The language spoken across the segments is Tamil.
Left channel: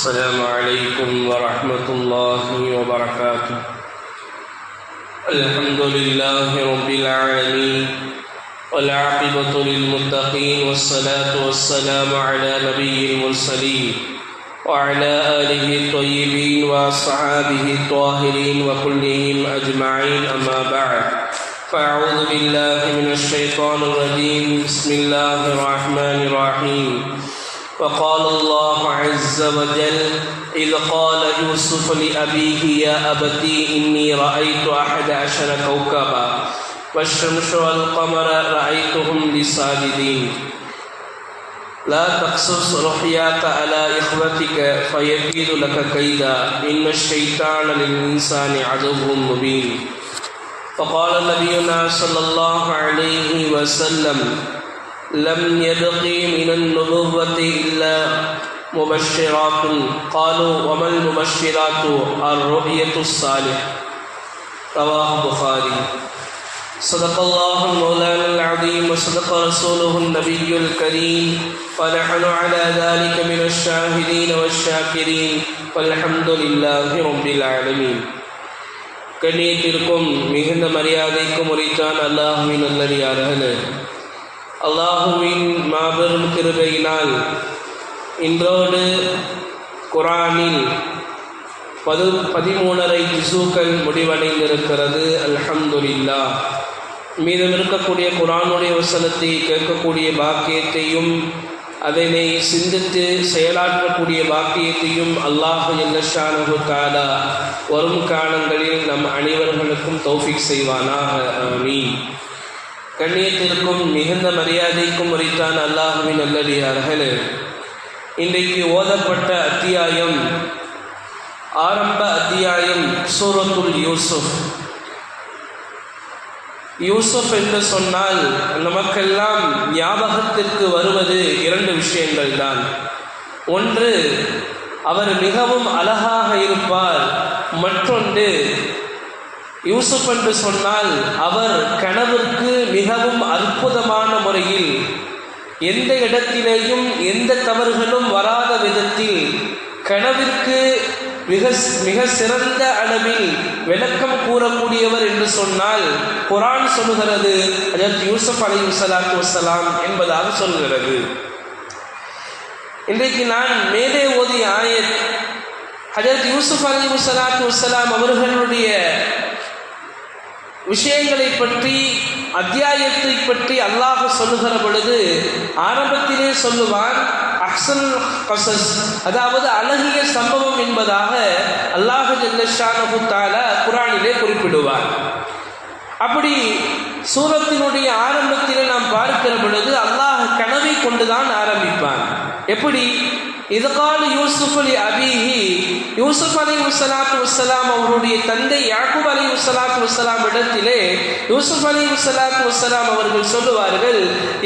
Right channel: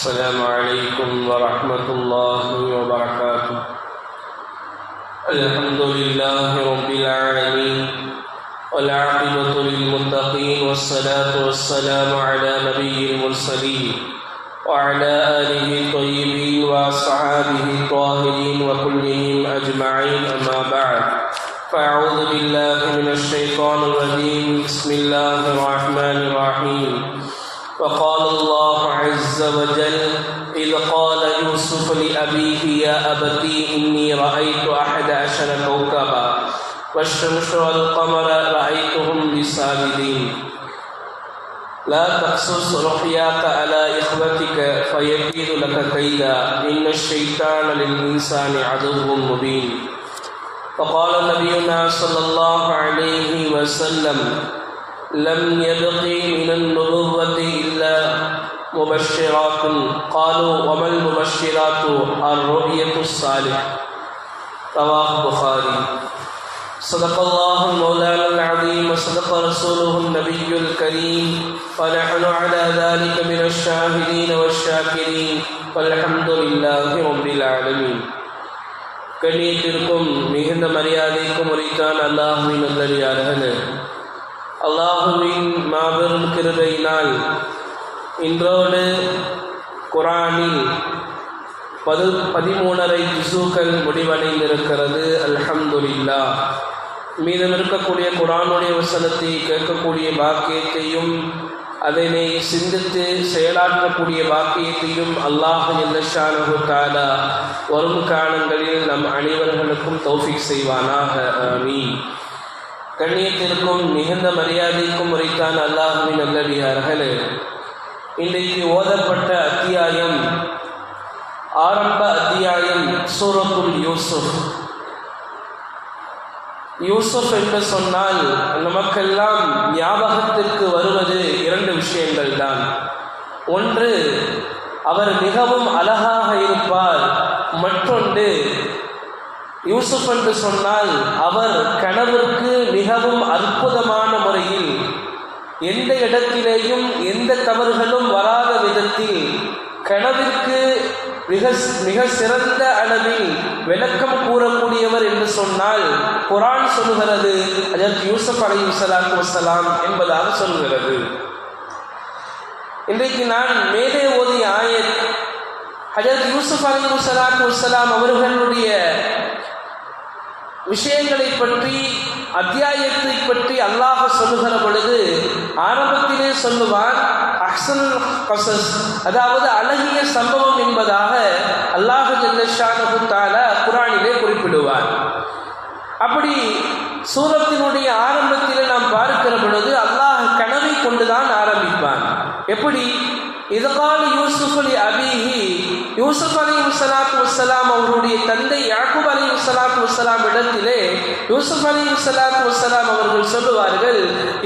السلام عليكم ورحمة الله وبركاته. الحمد لله رب العالمين والعاقبة للمتقين والصلاة والسلام على نبي المرسلين وعلى آله الطيبين وأصحابه الطاهرين وكلهم أجمعين، أما بعد، فأعوذ بالله من الشيطان الرجيم. بسم الله الرحمن الرحيم. وقال الله عز وجل: إذ قال يوسف لأبيه يا أبتي إني رأيت 11 كوكبا والشمس والقمر رأيتهم لي ساجدين لا تقصص رؤياك على إخوتك فيكيد لك كيدا إن الشيطان للإنسان عدو مبين. فقال نبينا صلى الله عليه وسلم: لم يبقي من النبوة إلا مبشرات. قالوا: وما المبشرات؟ الرؤية الصالحة. رواه البخاري. صدق الله مولانا العظيم وصدق رسوله النبي الكريم، ونحن على ذلك من الشاهدين والشاكرين، والحمد لله رب العالمين. கண்ணியத்திற்கும் மிகுந்த மரியாதைக்கும் உரித்தான் அல்லாஹுவின் நல்லடியார்களே, அல்லாஹுவின் மாபெரும் கிருபையினால் இன்றோடு குர்ஆனில் 13 ஜுஸூக்கள் முடிவடைந்திருக்கிறது. அல்ஹம்துலில்லாஹ். மீதம் இருக்கக்கூடிய குர்ஆனுடைய வசனத்தை கேட்கக்கூடிய பாக்கியத்தையும் அதனை சிந்தித்து செயலாற்றக்கூடிய பாக்கியத்தையும் அல்லாஹ் ஜல்ல ஷானஹு தஆலா வரும் காலங்களில் நம் அனைவர்களுக்கும் தௌஃபீக் செய்வானாக. ஆமீன். கண்ணியத்திற்கும் மிகுந்த மரியாதைக்கும் உரித்தான அல்லாஹுவின் நல்லடியார்களே, இன்றைக்கு ஓதப்பட்ட அத்தியாயம் ஆரம்ப அத்தியாயம் சூரத்துல் யூசுப். யூசுப் என்று சொன்னால் நமக்கெல்லாம் ஞாபகத்திற்கு வருவது 2 விஷயங்கள் தான். ஒன்று, அவர் மிகவும் அழகாக இருப்பார். மற்றொன்று, யூசுப் என்று சொன்னால் அவர் கனவிற்கு மிகவும் அற்புதமான முறையில் எந்த இடத்திலேயும் எந்த தவறுகளும் வராத விதத்தில் கனவிற்கு மிக சிறந்த அளவில் விளக்கம் கூறக்கூடியவர் என்று சொன்னால் குர்ஆன் சொல்கிறது ஹஜ்ரத் யூசுப் அலைஹிஸ்ஸலாத்து வஸ்ஸலாம் என்பதாக சொல்கிறது. இன்றைக்கு நான் மேலே ஓதிய ஆயத் ஹஜ்ரத் யூசுப் அலைஹிஸ்ஸலாத்து வஸ்ஸலாம் அவர்களுடைய விஷயங்களை பற்றி, அத்தியாயத்தை பற்றி அல்லாஹ் சொல்லுகிற பொழுது ஆரம்பத்திலே சொல்லுவான் அஹ்ஸனுல் கஸஸ், அதாவது அழகிய சம்பவம் என்பதாக அல்லாஹ் ஜல்ல ஷானஹு தஆலா குர்ஆனிலே குறிப்பிடுவார். அப்படி சூரத்தினுடைய ஆரம்பத்திலே நாம் பார்க்கிற பொழுது அல்லாஹ் கனவை கொண்டுதான் ஆரம்பிப்பான். எப்படி? இது கால யூசுப் லி அபீஹி, யூசுப் அலைஹிஸ்ஸலாத்து வஸ்ஸலாம் அவருடைய தந்தை யாக்கூப் அலைஹிஸ்ஸலாத்து வஸ்ஸலாம் இடத்திலே யூசுப் அலைஹிஸ்ஸலாத்து வஸ்ஸலாம் அவர்கள் சொல்லுவார்கள்,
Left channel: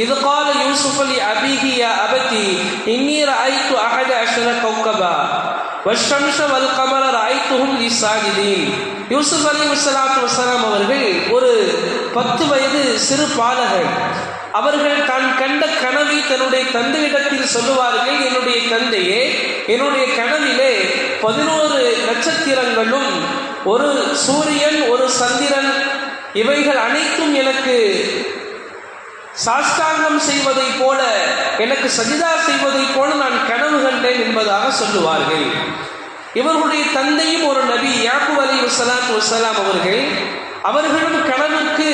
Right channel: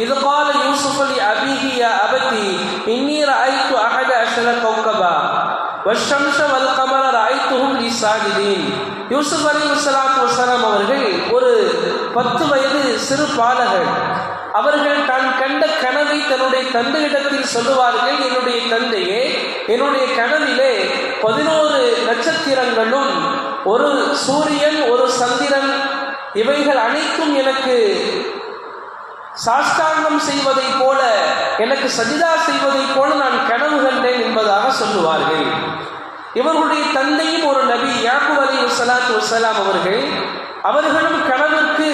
இது கால யூசுப் லி அபீஹி யா அபதி இன்னி ரஅய்து 11 கௌகபா வஷ்ஷம்ஸ வல் கமர ரஅய்துஹும் லி சாஜிதீன். யூசுப் அலைஹிஸ்ஸலாத்து வஸ்ஸலாம் அவர்கள் ஒரு 10 வயது சிறு பாலகர். அவர்கள் தான் கண்ட கனவை தன்னுடைய தந்தையிடத்தில் சொல்லுவார்கள், என்னுடைய தந்தையே, என்னுடைய கனவிலே 11 நட்சத்திரங்களும் ஒரு சூரியன் ஒரு சந்திரன் இவைகள் அனைத்தும் எனக்கு சாஷ்டாங்கம் செய்வதை போல, எனக்கு சஜிதா செய்வதை போல நான் கனவு கண்டேன் என்பதாக சொல்லுவார்கள். இவர்களுடைய தந்தையும் ஒரு நபி யாக்கூப் அலைஹிஸ்ஸலாத்து வஸ்ஸலாம் அவர்களும் கனவுக்கு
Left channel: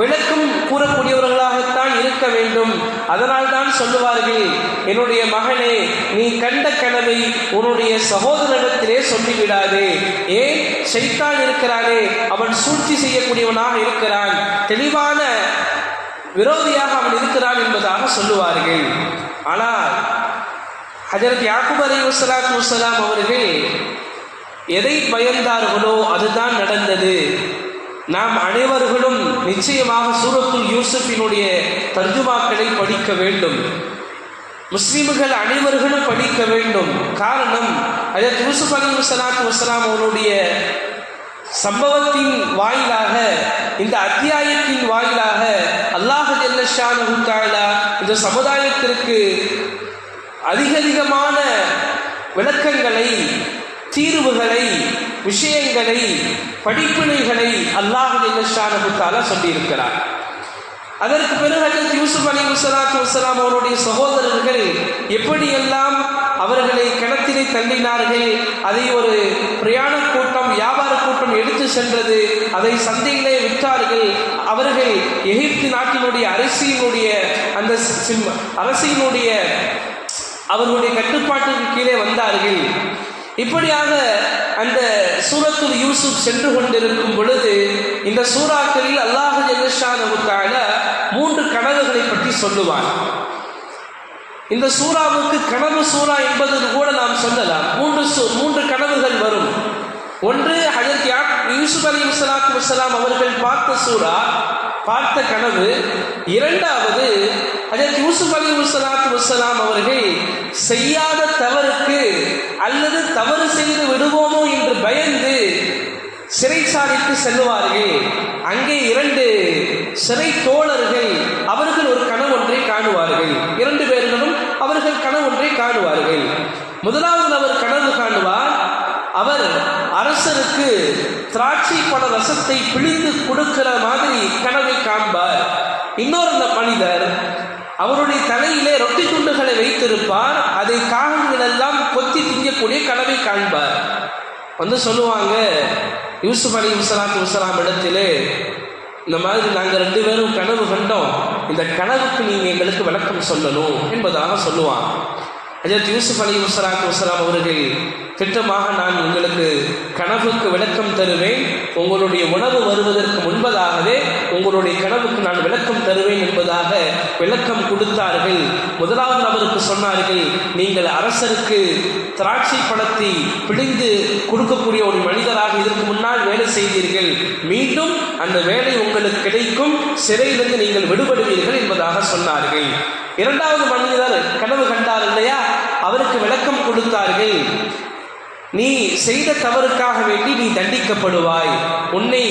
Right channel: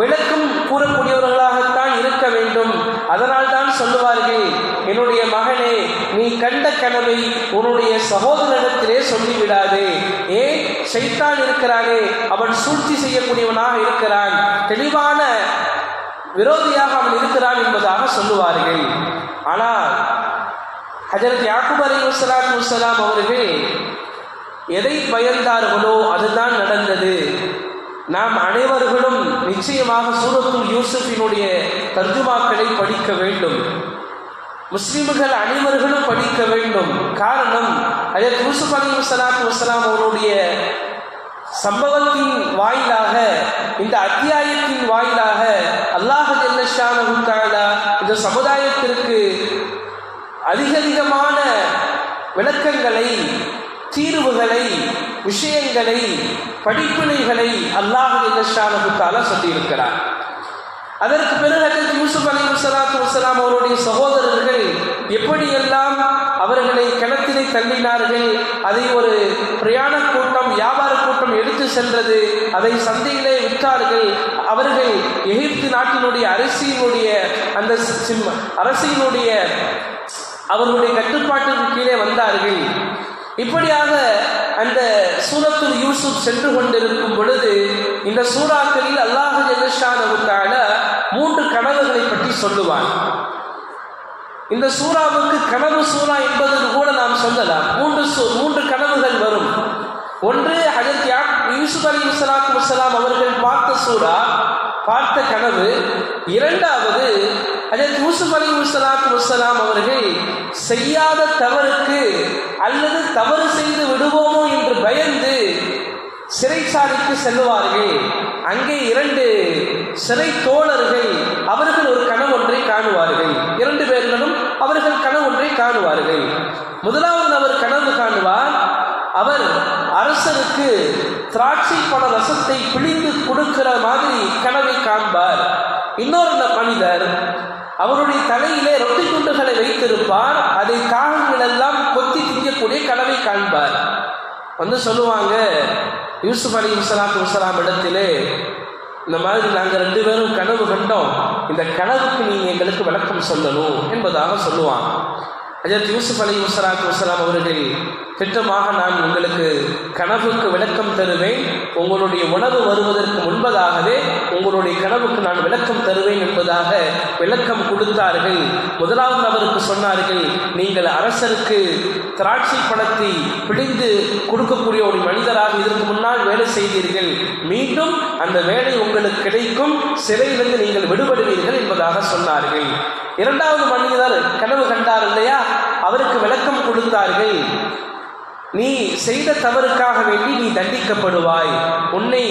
விளக்கம் கூறக்கூடியவர்களாகத்தான் இருக்க வேண்டும். அதனால் தான் சொல்லுவார்கள், என்னுடைய மகனே, நீ கண்ட கனவை உன்னுடைய சகோதரனிடத்திலே சொல்லிவிடாதே. ஏன்? ஷைத்தான் இருக்கிறானே, அவன் சூழ்ச்சி செய்யக்கூடியவனாக இருக்கிறான், தெளிவான விரோதியாக அவன் இருக்கிறான் என்பதாக சொல்லுவார்கள். ஆனால் ஹஜ்ரத் யாக்கூப் அலைஹிஸ்ஸலாத்து வஸ்ஸலாம் அவர்கள் எதை பயந்தார்களோ அதுதான் நடந்தது. நாம் அனைவர்களும் நிச்சயமாக சூரத்துல் யூசுஃபினுடைய தர்ஜுமாக்களை படிக்க வேண்டும். முஸ்லிம்கள் அனைவர்களும் படிக்க வேண்டும். காரணம், ஹஜ்ரத் யூசுப் அலைஹிஸ்ஸலாத்து வஸ்ஸலாம் அவருடைய சம்பவத்தின் வாயிலாக, இந்த அத்தியாயத்தின் வாயிலாக அல்லாஹ் ஜல்ல ஷானஹு தஆலா இந்த சமுதாயத்திற்கு அதிகமான விளக்கங்களை முடிவுகளை, விஷயங்களை, படிப்பினைகளை அல்லாஹ் ஜல்லஷானஹு தஆலா சொல்லியிருக்கிறார். அதற்கு பிறகு ஹஜ்ரத் யூசுப் அலைஹிஸ்ஸலாத்து வஸ்ஸலாம் அவருடைய சகோதரர்கள் எப்படியெல்லாம் அவர்களை கிணத்தினை தள்ளினார்கள், அதை ஒரு பிரயாண கூட்டம், வியாபார கூட்டம் எடுத்து சென்றது, அதை சந்தையிலே விற்றார்கள். அவர்கள் எகிப்து நாட்டினுடைய அரசினுடைய அவர்களுடைய கட்டுப்பாட்டிற்கு கீழே வந்தார்கள். இப்படியாக அந்த சூரத்துல் யூசுப் சென்று கொண்டிருக்கும் பொழுது இந்த சூறாக்களில் அல்லாஹ் ஜல்லஷானஹு தஆலா 3 கனவுகளை பற்றி சொல்லுவார். இந்த சூறாவுக்கு கனவு சூறா என்பது கூட நாம் சொல்லலாம். 3 கனவுகள் வரும். ஒன்று ஹஜ்ரத் யூசுப் அலைஹிஸ்ஸலாத்து வஸ்ஸலாம் அவர்கள் பார்த்த கனவு. இரண்டாவது ஹஜ்ரத் யூசுப் அலைஹிஸ்ஸலாத்து வஸ்ஸலாம் அவர்கள் செய்யாத தவறுக்கு அல்லது தவறு செய்து விடுவோமோ என்று பயந்து சிறைச்சாலைக்கு செல்லுவார்கள். அங்கே 2 சிறை தோழர்கள் அவர்கள் ஒரு கனவு ஒன்றை காணுவார்கள். 2 பேர்களும் அவர்கள் கனவு ஒன்றை காணுவார்கள். முதலாவது அவர் கனவு காணுவார், அவர் அரசருக்கு திராட்சை பழ ரசத்தை பிழிந்து கொடுக்கிற மாதிரி கனவை காண்பார். இன்னொரு மனிதர் அவருடைய தலையிலே ரொட்டி துண்டுகளை வைத்திருப்பார், அதை காகங்கள் எல்லாம் கொத்தி திங்கக்கூடிய கனவை காண்பார். வந்து சொல்லுவாங்க யூசுப் அலைஹிஸ்ஸலாத்து வஸ்ஸலாம் இடத்திலே, இந்த மாதிரி நாங்கள் 2 பேரும் கனவு கண்டோம், இந்த கனவுக்கு நீங்கள் எங்களுக்கு விளக்கம் சொல்லணும் என்பதாக சொல்லுவாங்க. ஹஜ்ரத் யூசுப் அலைஹிஸ்ஸலாத்து வஸ்ஸலாம் அவர்கள் திட்டமாக, நான் உங்களுக்கு கனவுக்கு விளக்கம் தருவேன், உங்களுடைய உணவு வருவதற்கு முன்பதாகவே உங்களுடைய கனவுக்கு நான் விளக்கம் தருவேன் என்பதாக விளக்கம் கொடுத்தார்கள். முதலாவது அவருக்கு சொன்னார்கள், நீங்கள் அரசருக்கு திராட்சை பழத்தை பிழிந்து கொடுக்கக்கூடிய ஒரு மனிதராக இதற்கு முன்னால் வேலை செய்தீர்கள், மீண்டும் அந்த வேலை உங்களுக்கு கிடைக்கும், சிறையிலிருந்து நீங்கள் விடுபடுவீர்கள் என்பதாக சொன்னார்கள். இரண்டாவது மனிதர் கனவு கண்டார் இல்லையா, அவருக்கு விளக்கம் கொடுத்தார்கள், நீ செய்த தவறுக்காக வேண்டி நீ தண்டிக்கப்படுவாய், உன்னை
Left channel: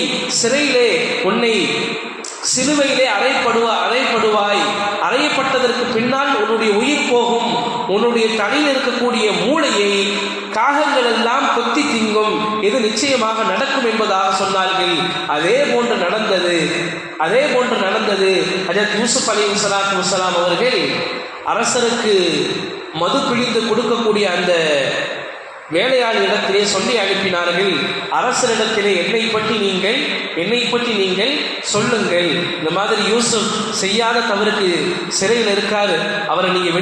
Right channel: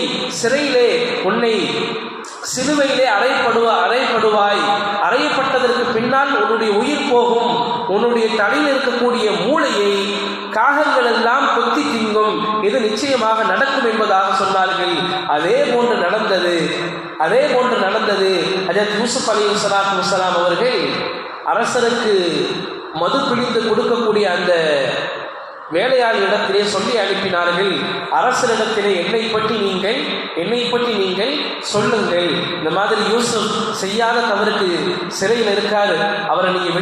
சிலுவையிலே அறையப்படுவாய், அறையப்பட்டதற்கு பின்னால் உன்னுடைய உயிர் போகும், உன்னுடைய தலையில் இருக்கக்கூடிய மூளையை காகங்கள் எல்லாம் கொத்தி திங்கும், இது நிச்சயமாக நடக்கும் என்பதாக சொன்னார்கள். அதே போன்று நடந்தது. ஹஜ்ரத் யூசுப் அலைஹிஸ்ஸலாத்து வஸ்ஸலாம் அவர்கள் அரசருக்கு மது பிழிந்து கொடுக்கக்கூடிய அந்த வேலையாளிடத்திலே சொல்லி அனுப்பினார்கள், அரசரிடத்திலே என்னை பற்றி நீங்கள் சொல்லுங்கள், இந்த மாதிரி யூசுப் செய்யாத தவறுக்கு சிறையில் இருக்காரு, அவரை நீங்கள்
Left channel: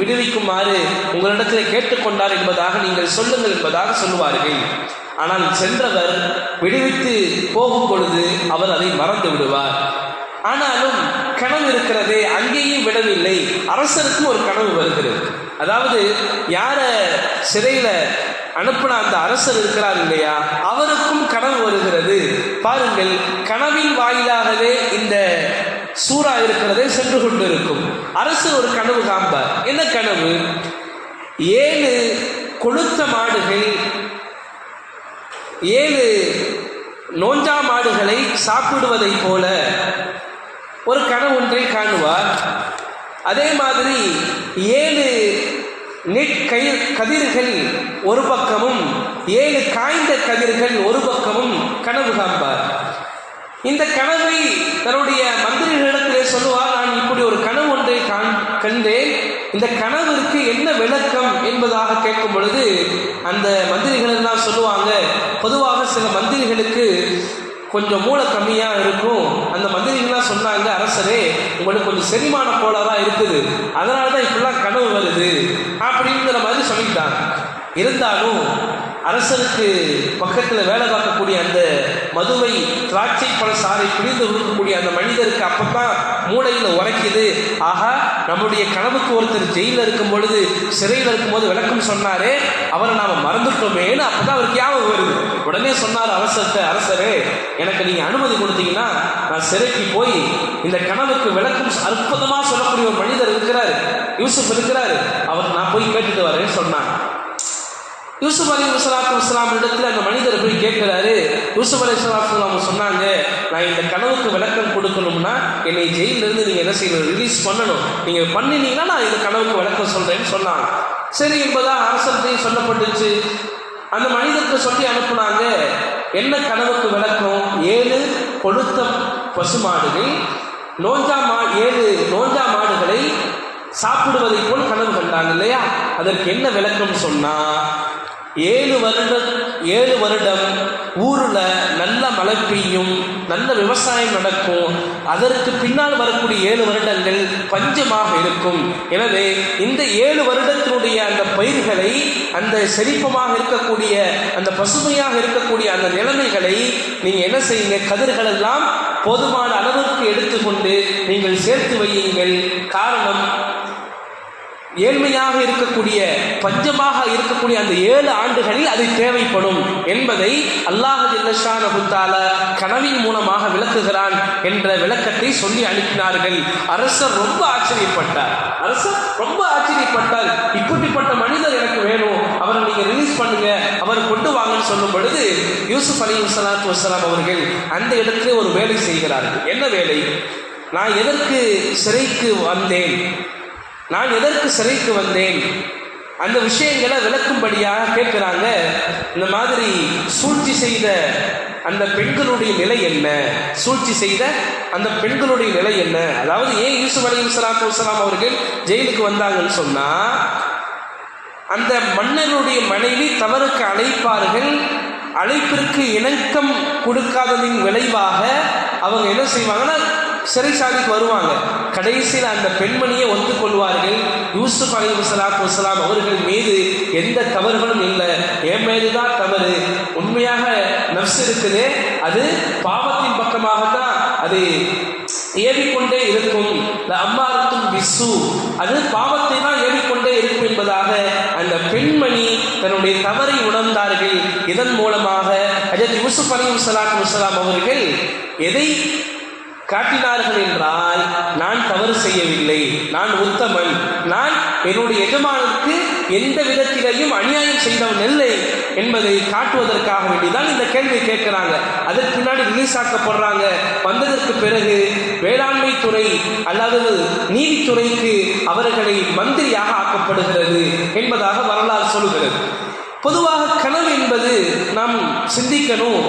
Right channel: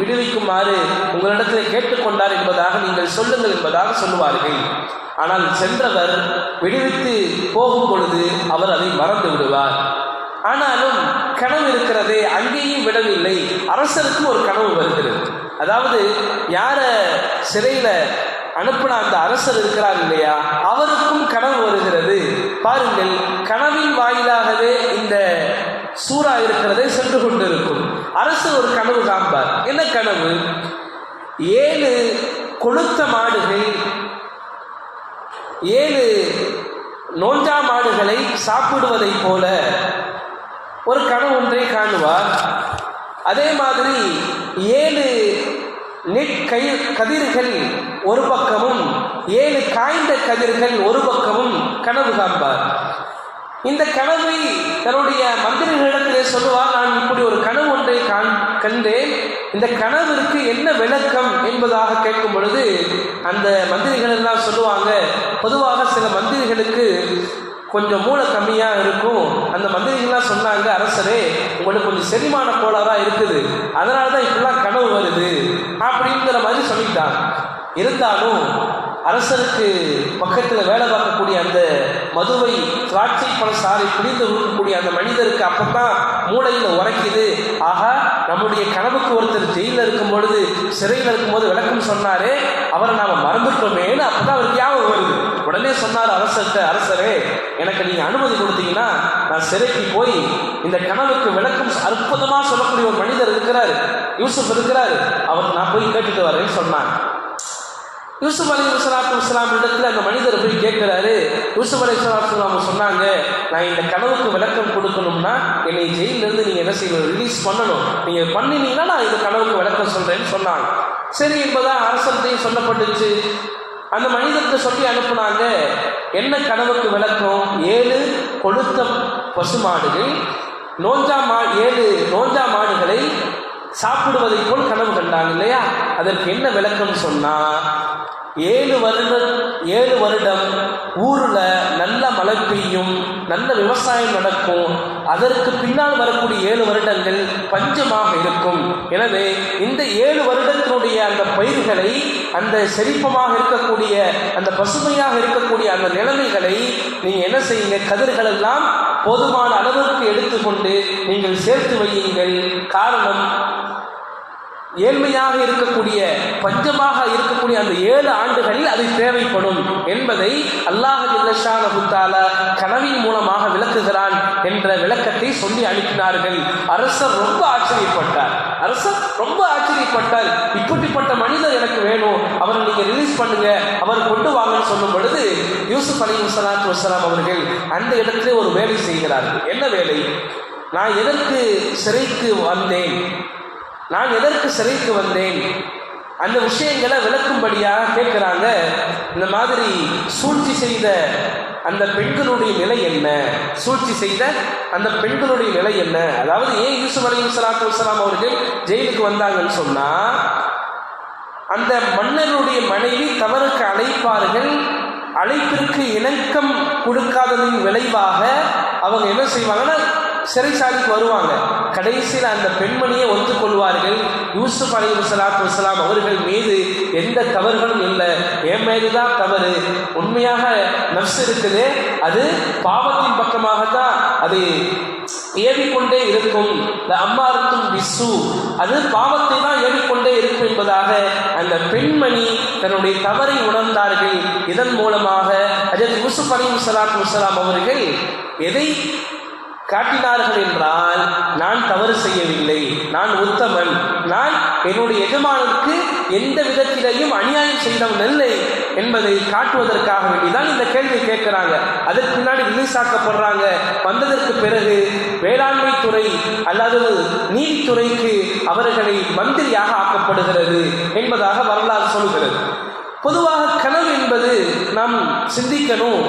விடுவிக்குமாறு உங்களிடத்திலே கேட்டுக்கொண்டார் என்பதாக நீங்கள் சொல்லுங்கள் என்பதாக சொல்லுவார்கள். ஆனால் சென்றவர் விடுவித்து போகும் பொழுது அவர் அதை மறந்து விடுவார். ஆனாலும் கனவு இருக்கிறதே, அங்கேயும் விடவில்லை, அரசருக்கும் ஒரு கனவு வருகிறது. அதாவது யார சிறையில அனுப்பின அந்த அரசர் இருக்கிறார் இல்லையா, அவருக்கும் கனவு வருகிறது. பாருங்கள், கனவின் வாயிலாகவே இந்த சூறா இருக்கிறதே சென்று கொண்டிருக்கும். அரசர் ஒரு கனவு காண்பார். என்ன கனவு? 7 கொழுத்த மாடுகள் 7 நோஞ்சா மாடுகளை சாப்பிடுவதை போல ஒரு கனவு ஒன்றை காணுவார். அதே மாதிரி 7 கதிர்கள் ஒரு பக்கமும் 7 காய்ந்த கதிர்கள் ஒரு பக்கமும் கனவு காண்பார். இந்த கனவை தன்னுடைய மந்திரிகளிடத்திலே சொல்லுவார், நான் இப்படி ஒரு கனவு ஒன்றை கண்டேன், இந்த கனவிற்கு என்ன விளக்கம் என்பதாக கேட்கும் பொழுது அந்த மந்திரிகள் எல்லாம் சொல்லுவாங்க, பொதுவாக சில மந்திரிகளுக்கு கொஞ்சம் மூளை கம்மியாக இருக்கும், அந்த மந்திரிகள்லாம் சொன்னாங்க, அரசரே உங்களுக்கு கொஞ்சம் செரிமான கோளாறாக இருக்குது, அதனால தான் இப்படிலாம் கனவு வருது அப்படிங்கிற மாதிரி சொல்லிட்டாங்க. இருந்தாலும் அரசருக்கு பக்கத்தில் வேலை பார்க்கக்கூடிய அந்த மதுவை திராட்சை பழ சாறை பிழிந்து கொடுக்கக்கூடிய அந்த மனிதருக்கு அப்பதான் மூளையில் உரைக்குது, ஆகா நம்முடைய கனவுக்கு ஒருத்தர் ஜெயிலில் இருக்கும் பொழுது சிறையில் இருக்கும்போது விளக்கம் சொன்னாரே, அவரை நாம் மறந்துட்டோமேன்னு அப்பதான் அவருக்கு ஞாபகம் வருது. உடனே சொன்னார் அரசர்கிட்ட, அரசரே எனக்கு நீங்கள் அனுமதி கொடுத்தீங்கன்னா நான் சிறைக்கு போய் இந்த கனவுக்கு விளக்கம் அற்புதமாக சொல்லக்கூடிய ஒரு மனிதர் இருக்கிறார், யூசுப் இருக்கிறார், அவர் நான் போய் கேட்டுட்டு வரேன்னு சொன்னான். யூசுப் அலைஹிஸ்ஸலாத்து வஸ்ஸலாம் இடத்துல அந்த மனிதர் போய் கேட்கிறாரு. யூசுப் அலைஹிஸ்ஸலாத்து வஸ்ஸலாம் சொன்னாங்க, நான் இந்த கனவுக்கு விளக்கம் கொடுக்கணும்னா என்னை ஜெயிலிருந்து நீங்கள் என்ன செய்யணும், ரிலீஸ் பண்ணணும், நீங்கள் பண்ணினீங்கன்னா நான் இந்த கனவுக்கு விளக்கம் சொல்கிறேன்னு சொன்னாங்க. சரி என்பதாக அரசர்கிட்டையும் சொல்லப்பட்டுச்சு. அந்த மனிதருக்கு சொல்லி அனுப்புனாங்க. என்ன கனவுக்கு விளக்கம்? 7 கொழுத்த பசுமாடுகள் 7 நோஞ்சா மாடுகளை சாப்பிடுவதை போல் கனவு கண்டாங்க இல்லையா? அதற்கு என்ன விளக்கம் சொன்னா, 7 வருடம் ஊர்ல நல்ல மழை பெய்யும், நல்ல விவசாயம் நடக்கும். அதற்கு பின்னால் வரக்கூடிய 7 வருடங்கள் பஞ்சமாக இருக்கும். எனவே இந்த 7 வருடத்தினுடைய அந்த பயிர்களை, அந்த செழிப்பமாக இருக்கக்கூடிய, அந்த பசுமையாக இருக்கக்கூடிய அந்த நிலைமைகளை நீங்க என்ன செய்யுங்க, கதிர்கள் எல்லாம் போதுமான அளவுக்கு எடுத்துக்கொண்டு நீங்கள் சேர்த்து வையுங்கள். காரணம், ஏழ்மையாக இருக்கக்கூடிய, பஞ்சமாக இருக்கக்கூடிய அந்த 7 ஆண்டுகளில் அது தேவைப்படும் என்பதை அல்லாஹ் ஜல்ல ஷானஹு தஆலா கனவின் மூலமாக விளக்குகிறான் என்ற விளக்கத்தை சொல்லி அனுப்பினார்கள். அரசர் ரொம்ப ஆச்சரியப்பட்டார். இப்படிப்பட்ட மனிதர் எனக்கு வேணும், அவரை நீங்க ரிலீஸ் பண்ணுங்க, அவர் கொண்டு வாங்கன்னு சொல்லும் பொழுது யூசுப் அலைஹிஸ்ஸலாத்து வஸ்ஸலாம் அவர்கள் அந்த இடத்திலே ஒரு வேலை செய்கிறார்கள். என்ன வேலை? நான் எதற்கு சிறைக்கு வந்தேன் அந்த விஷயங்களை விளக்கும்படியாக கேட்கிறாங்க. இந்த மாதிரி சூழ்ச்சி செய்த அந்த பெண்களுடைய நிலை என்ன, அதாவது ஏன் யூசுப் அலைஹிஸ்ஸலாத்து வஸ்ஸலாம் அவர்கள் ஜெயிலுக்கு வந்தாங்கன்னு சொன்னா, அந்த மன்னருடைய மனைவி தவறுக்கு அழைப்பார்கள். அழைப்பிற்கு இணக்கம் கொடுக்காததின் விளைவாக அவங்க என்ன செய்வாங்கன்னா சிறைச்சாலைக்கு வருவாங்க. கடைசியில் அந்த பெண்மணியை ஒத்துக்கொள்வார்கள். யூசுப் அலைஹிஸ்ஸலாத்து வஸ்ஸலாம் அவர்கள் மீது எந்த தவறுகளும் இல்லை, என் மீதுதான் தவறு, உண்மையாக நஃப்ஸ் இருக்குது, அது பாவத்தின் பக்கமாகத்தான் அது ஏவிக்கொண்டே இருக்கும், அம்மாரத்தும் பிஸ்ஸு, அது பாவத்தை தான் ஏவிக்கொண்டே இருக்கும் என்பதாக அந்த பெண்மணி தன்னுடைய தவறை உணர்ந்தார்கள். இதன் மூலமாக ஹஜ்ரத் யூசுப் அலைஹிஸ்ஸலாத்து வஸ்ஸலாம் அவர்கள் எதை காட்டினார்கள் என்றால், நான் தவறு செய்யவில்லை, நான் உத்தமன், நான் என்னுடைய எஜமானுக்கு எந்த விதத்திலையும் அநியாயம் செய்தவன் இல்லை என்பதை காட்டுவதற்காக வேண்டிதான் இந்த கேள்வி கேட்கிறாங்க. அதற்கு பின்னாடி ரிலீஸ் ஆக்கப்படுறாங்க. வந்ததற்கு பிறகு வேளாண்மை துறை அல்லது நீதித்துறைக்கு அவர்களை மந்திரியாக ஆக்கப்படுகிறது என்பதாக வரலாறு சொல்கிறது. பொதுவாக கனவு என்பது நாம் சிந்திக்கணும்.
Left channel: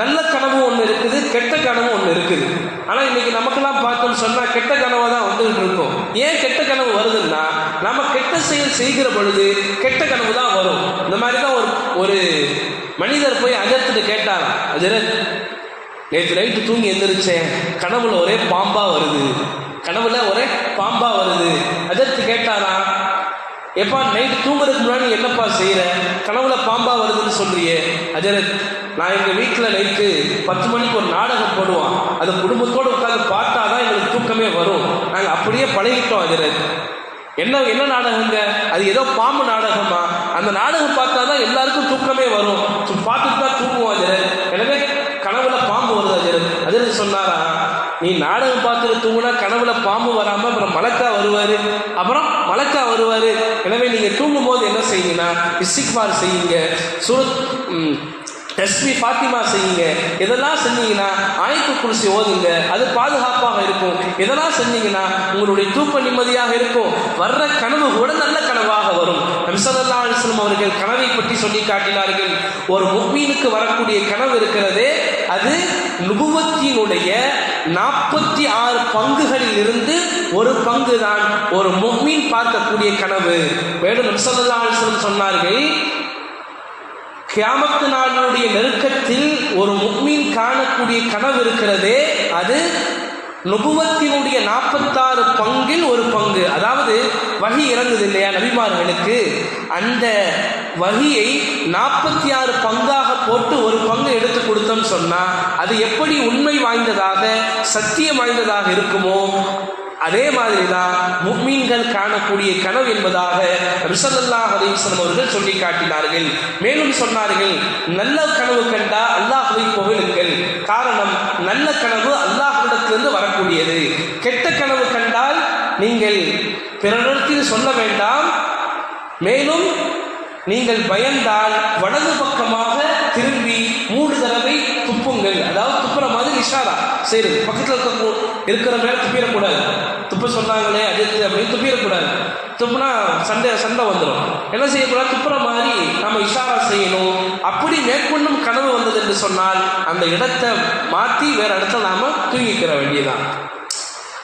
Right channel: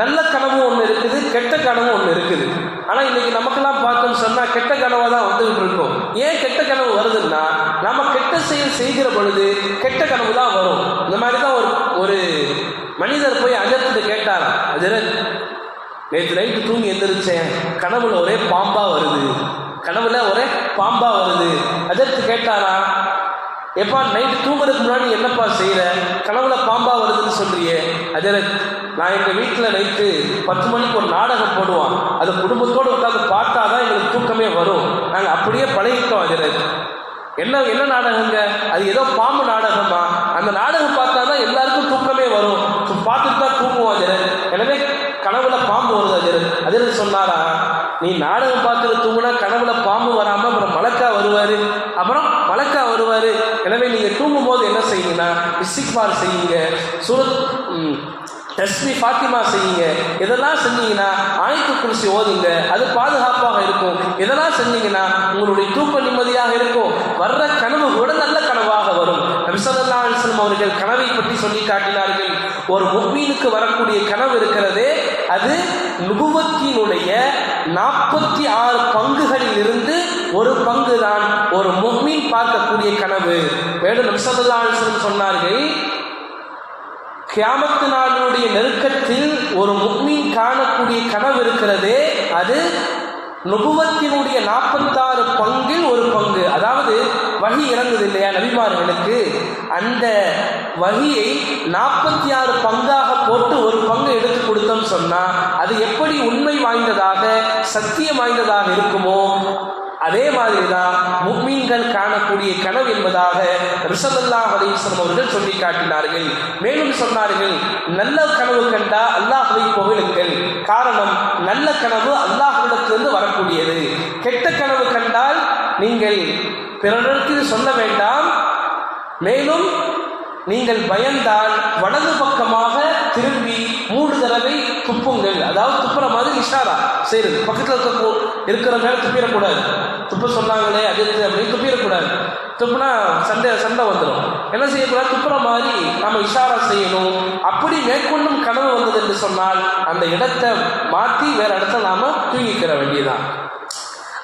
நல்ல கனவு ஒன்று இருக்குது, கெட்ட கனவு ஒன்று இருக்குது. ஆனால் இன்னைக்கு நமக்கெல்லாம் பார்த்தோம்னு சொன்னால் கெட்ட கனவை தான் வந்துகிட்டு இருக்கோம். ஏன் கெட்ட கனவு வருதுன்னா, நம்ம கெட்ட செயல் செய்கிற பொழுது கெட்ட கனவு தான் வரும். இந்த மாதிரி தான் ஒரு மனிதர் போய் அஜர்த்து கேட்டார், அஜரத் நேற்று நைட்டு தூங்கி எந்திரிச்சேன், கனவுல ஒரே பாம்பா வருது. அஜர்த்து கேட்டாரா, எப்பா நைட்டு தூங்குறதுக்கு முன்னாடி என்னப்பா செய்கிற, கனவுல பாம்பா வருதுன்னு சொல்றியே? அஜரத், நான் எங்கள் வீட்டில் நைட்டு 10 மணிக்கு ஒரு நாடகம் போடுவான், அதை குடும்பத்தோடு உட்காந்து பார்த்தா தான் எங்களுக்கு தூக்கமே வரும். நாங்கள் அப்படியே பழகிட்டோம். அஜரத், என்ன நாடகங்க? அது ஏதோ பாம்பு நாடகமா? அந்த நாடகம் பார்த்தா தான் எல்லாருக்கும் தூக்கமே வரும், பார்த்துட்டு தான் தூங்குவோம் அஜரத். எனவே கனவுல பாம்பு வருது அஜரத். அஜரத் சொன்னாரா, நீ நாடகம் பார்த்துட்டு தூங்குனா கனவுல பாம்பு வராமல் அப்புறம் மலக்கா வருவார். எனவே நீங்கள் தூங்கும் போது என்ன செய்யுங்கன்னா இஸ்திக்பார் செய்யுங்க, சூரத் தஸ்மீ ஃபாத்திமா செய்யுங்க. இதெல்லாம் செஞ்சீங்கன்னா ஆயத்துல் குர்சி ஓதுங்க, அது பாதுகாப்பாக இருக்கும். இதெல்லாம் செஞ்சீங்கன்னா உங்களுடைய தூக்கம் நிம்மதியாக இருக்கும். வர்ற கனவு கூட நல்ல கனவாக வரும். நபி ஸல்லல்லாஹு அலைஹி வஸல்லம் அவர்கள் கனவை பற்றி சொல்லி காட்டினார்கள். ஒரு முஃமினுக்கு வரக்கூடிய கனவு இருக்கிறதே, அது நுபுவத்தினுடைய 46 பங்குகளில் இருந்து ஒரு பங்கு தான் ஒரு முஃமின் பார்க்கக்கூடிய கனவு. மேலும் நபி ஸல்லல்லாஹு அலைஹி வஸல்லம் சொன்னார்கள், கியாமத் நாளுடைய நெருக்கத்தில் ஒரு முஃமின் காணக்கூடிய கனவு இருக்கிறதே, அது நுபுவத்தினுடைய 46 பங்கில் ஒரு பங்கு. அதாவது வஹி இறங்குது இல்லையா நபிமார்களுக்கு, அந்த வஹியை 46 பங்காக போட்டு ஒரு பங்கு எடுத்து கொடுத்தோன்னு சொன்னா அது எப்படி உண்மை வாய்ந்ததாக, சத்தியம் வாய்ந்ததாக இருக்குமோ அதே மாதிரிதான் முஃமின்கள் காணக்கூடிய கனவு என்பதாக நபி ஸல்லல்லாஹு அலைஹி வஸல்லம் அவர்கள் சொல்லி காட்டினார்கள். மேலும் சொன்னார்கள், நல்ல கனவு கண்டா அல்லாஹ்வை புகழுங்கள். காரணம், நல்ல கனவு அல்லாஹ்விடத்திலிருந்து வரக்கூடியது. கெட்ட கனவு கண்டால் நீங்கள் பிறரிடத்தில் சொல்ல வேண்டாம். மேலும் நீங்கள் பயந்தால் வலது பக்கமாக திரும்பி 3 தடவை துப்புங்கள். அதாவது துப்புற மாதிரி இஷாரா செய்யுது. பக்கத்தில் இருக்கிற மேல துப்பிடக்கூடாது. துப்ப சொன்னாங்களே அது அப்படின்னு துப்பிடக்கூடாது. துப்புனா சண்டை வந்துடும். என்ன செய்யக்கூடாது? துப்புற மாதிரி நம்ம இஷாரா செய்யணும். அப்படி மேற்கொண்டும் கனவு வந்தது என்று சொன்னால் அந்த இடத்தை மாற்றி வேற இடத்துல நாம தூங்கிக்கிற வேண்டியதான்.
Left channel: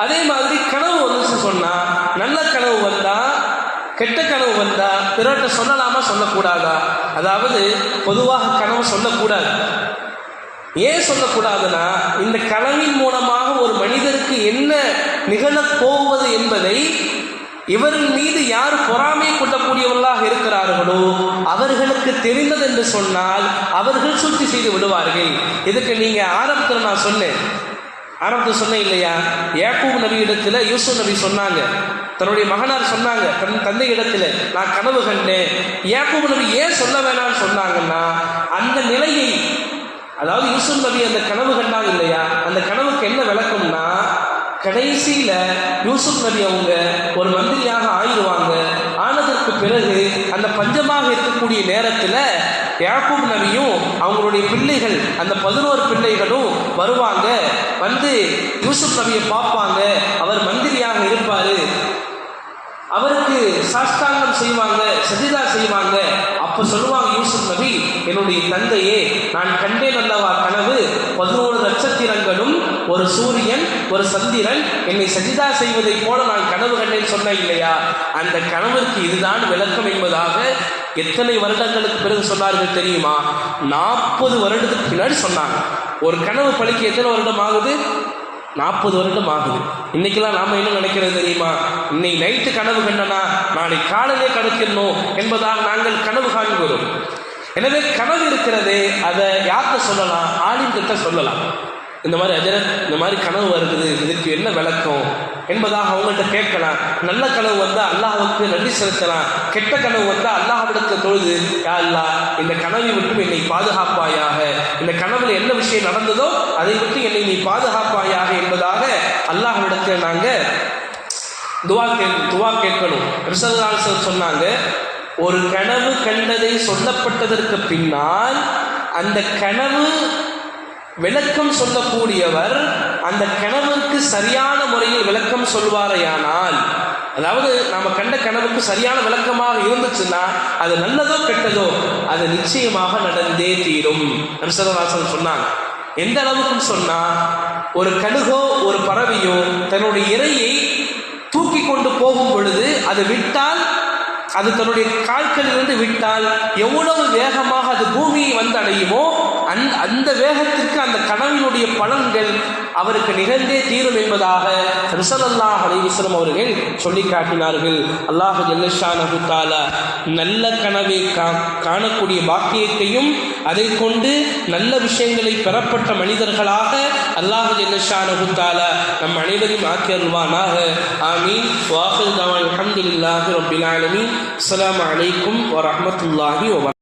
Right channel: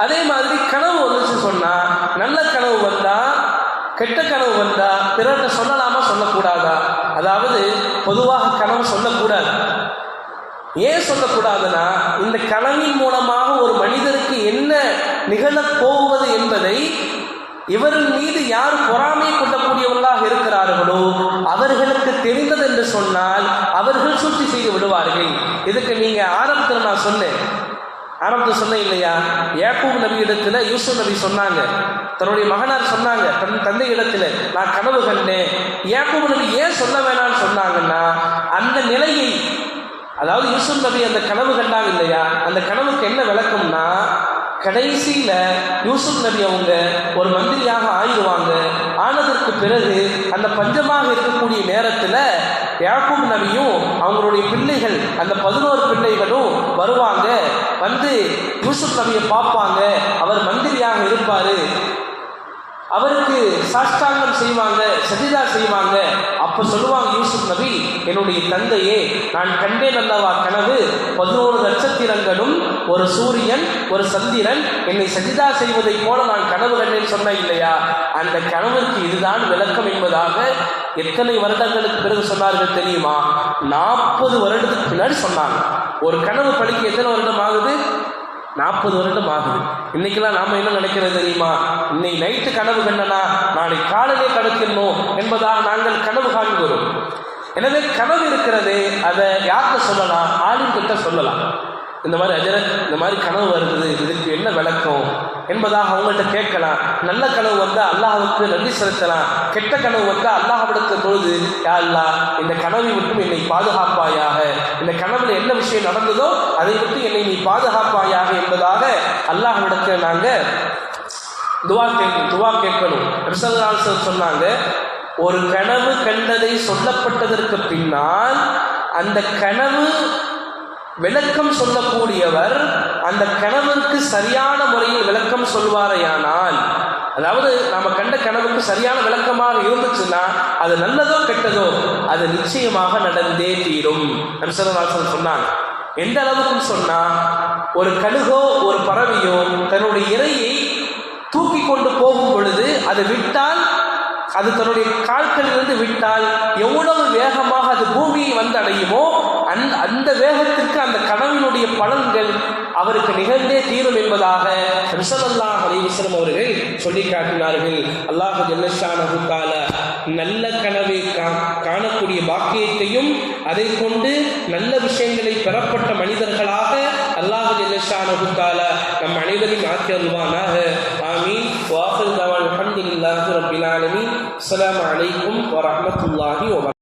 அதே மாதிரி கனவு வந்துச்சு சொன்னா, நல்ல கனவு வந்தா கெட்ட கனவு வந்தா பிறர்கிட்ட சொல்லலாமா சொல்லக்கூடாதா? அதாவது பொதுவாக கனவு சொல்லக்கூடாது. ஏன் சொல்லக்கூடாதுன்னா, இந்த கனவின் மூலமாக ஒரு மனிதருக்கு என்ன நிகழப் போவது என்பதை இவரின் மீது யார் பொறாமை கொள்ளக்கூடியவர்களாக இருக்கிறார்களோ அவர்களுக்கு தெரிந்தது என்று சொன்னால் அவர்கள் சுத்தி செய்து விடுவார்கள். இதுக்கு நீங்க ஆரம்பத்தில் நான் சொன்னேன் இல்லையா, யாக்கூப் நபி இடத்துல யூசுப் நபி சொன்னாங்க, தன்னுடைய மகனார் சொன்னாங்க தந்தை இடத்துல நான் கனவு கண்டேன். யாக்கூப் நபி ஏன் சொல்ல வேணாம்னு சொன்னாங்கன்னா, அந்த நிலையை, அதாவது யூசுப் நபி அந்த கனவு கண்டாங்க இல்லையா, அந்த கனவுக்கு என்ன விளக்கம்னா, கடைசியில யூசுப் நபி அவங்க ஒரு மந்திரியாக ஆயிடுவாங்க. ஆனதற்கு பிறகு அந்த பஞ்சமாக இருக்கக்கூடிய நேரத்தில் யாக்கூப் நபியும் அவங்களுடைய பிள்ளைகள், அந்த 11 பிள்ளைகளும் வருவாங்க. வந்து யூசுப் நபியை பார்ப்பாங்க. அவர் மந்திரியாக இருப்பாரு. அவருக்கு சாஷ்டாங்கம் செய்வாங்க, சஜிதா செய்வாங்க. அப்ப சொல்லுவாங்க யூசுப் நபி, என்னுடைய தந்தையே, நான் கண்டேன் அல்லவா கனவு, 11 நட்சத்திரங்களும் ஒரு சூரியன் ஒரு சந்திரன் என்னை சஜிதா செய்வதை போல நான் கனவு கண்டேன் சொன்ன இல்லையா, அந்த கனவிற்கு இதுதான் விளக்கம் என்பதாக எத்தனை வருடங்களுக்கு பிறகு சொன்னார்கள் தெரியுமா? 40 வருடத்துக்கு பின்னாடி சொன்னாங்க. ஒரு கனவு பழிக்க எத்தனை வருடம் ஆகுது? 40 வருடம் ஆகுது. இன்னைக்கெல்லாம் நாம என்ன நினைக்கிறது தெரியுமா? இன்னைக்கு நைட்டு கனவு கண்டனா நாளை காலையிலே கடத்திடணும் என்பதாக நாங்கள் கனவு காண்கிறோம். எனவே கனவு இருக்கிறதே, அதை யார்கிட்ட சொல்லலாம்? ஆலிம் கிட்ட சொல்லலாம். இந்த மாதிரி அஜரத், இந்த மாதிரி கனவு வருது, இதுக்கு என்ன விளக்கம் என்பதாக அவங்கள்ட்ட கேட்கலாம். நல்ல கனவு வந்தால் அல்லாஹ்வுக்கு நன்றி செலுத்தலாம். கெட்ட கனவு வந்தால் அல்லாஹ்விடத்தில் தொழுது, யா அல்லாஹ், இந்த கனவை விட்டு என்னை பாதுகாப்பாயாக, இந்த கனவுல என்ன விஷயம் நடந்ததோ அதை விட்டு என்னை நீ பாதுகாப்பாயாக என்பதாக அல்லாஹ்விடத்தில் நாங்கள் துவா கேட்கணும். சொன்னாங்க, ஒரு கனவு கண்டதை சொல்லப்பட்டதற்கு பின்னால் அந்த கனவு விளக்கம் சொல்லக்கூடியவர் அந்த கனவுக்கு சரியான முறையில் விளக்கம் சொல்வாரையானால், அதாவது நாம கண்ட கனவுக்கு சரியான விளக்கமாக இருந்துச்சுன்னா அது நல்லதோ கெட்டதோ அது நிச்சயமாக நடந்தே தீரும். நபிசல்லாஹு சொன்னாங்க. எந்த அளவுக்கு சொன்னா, ஒரு கழுகோ ஒரு பறவையோ தன்னுடைய இரையை தூக்கி கொண்டு போகும் பொழுது அதை விட்டால், அது தன்னுடைய கால்களிலிருந்து விட்டால் எவ்வளவு வேகமாக அது பூமியை வந்து அடையுமோ அந்த வேகத்திற்கு அந்த கனவினுடைய பலன்கள் அவருக்கு நிகழ்ந்தே தீரும் என்பதாக ஸல்லல்லாஹு அலைஹி வஸல்லம் அவர்கள் சொல்லி காட்டினார்கள். அல்லாஹ் ஜல்லஷானஹு தஆலா நல்ல கனவை காணக்கூடிய பாக்கியத்தையும் அதை கொண்டு நல்ல விஷயங்களை பெறப்பட்ட மனிதர்களாக அல்லாஹ் ஜல்லஷானஹு தஆலா நம் அனைவரையும் ஆக்கி அருள்வானாக. ஆமீன். வ ஆகிரு தஅவானா அல்ஹம்துலில்லாஹி ரப்பில் ஆலமீன். அஸ்ஸலாமு அலைக்கும் வ ரஹ்மத்துல்லாஹி வ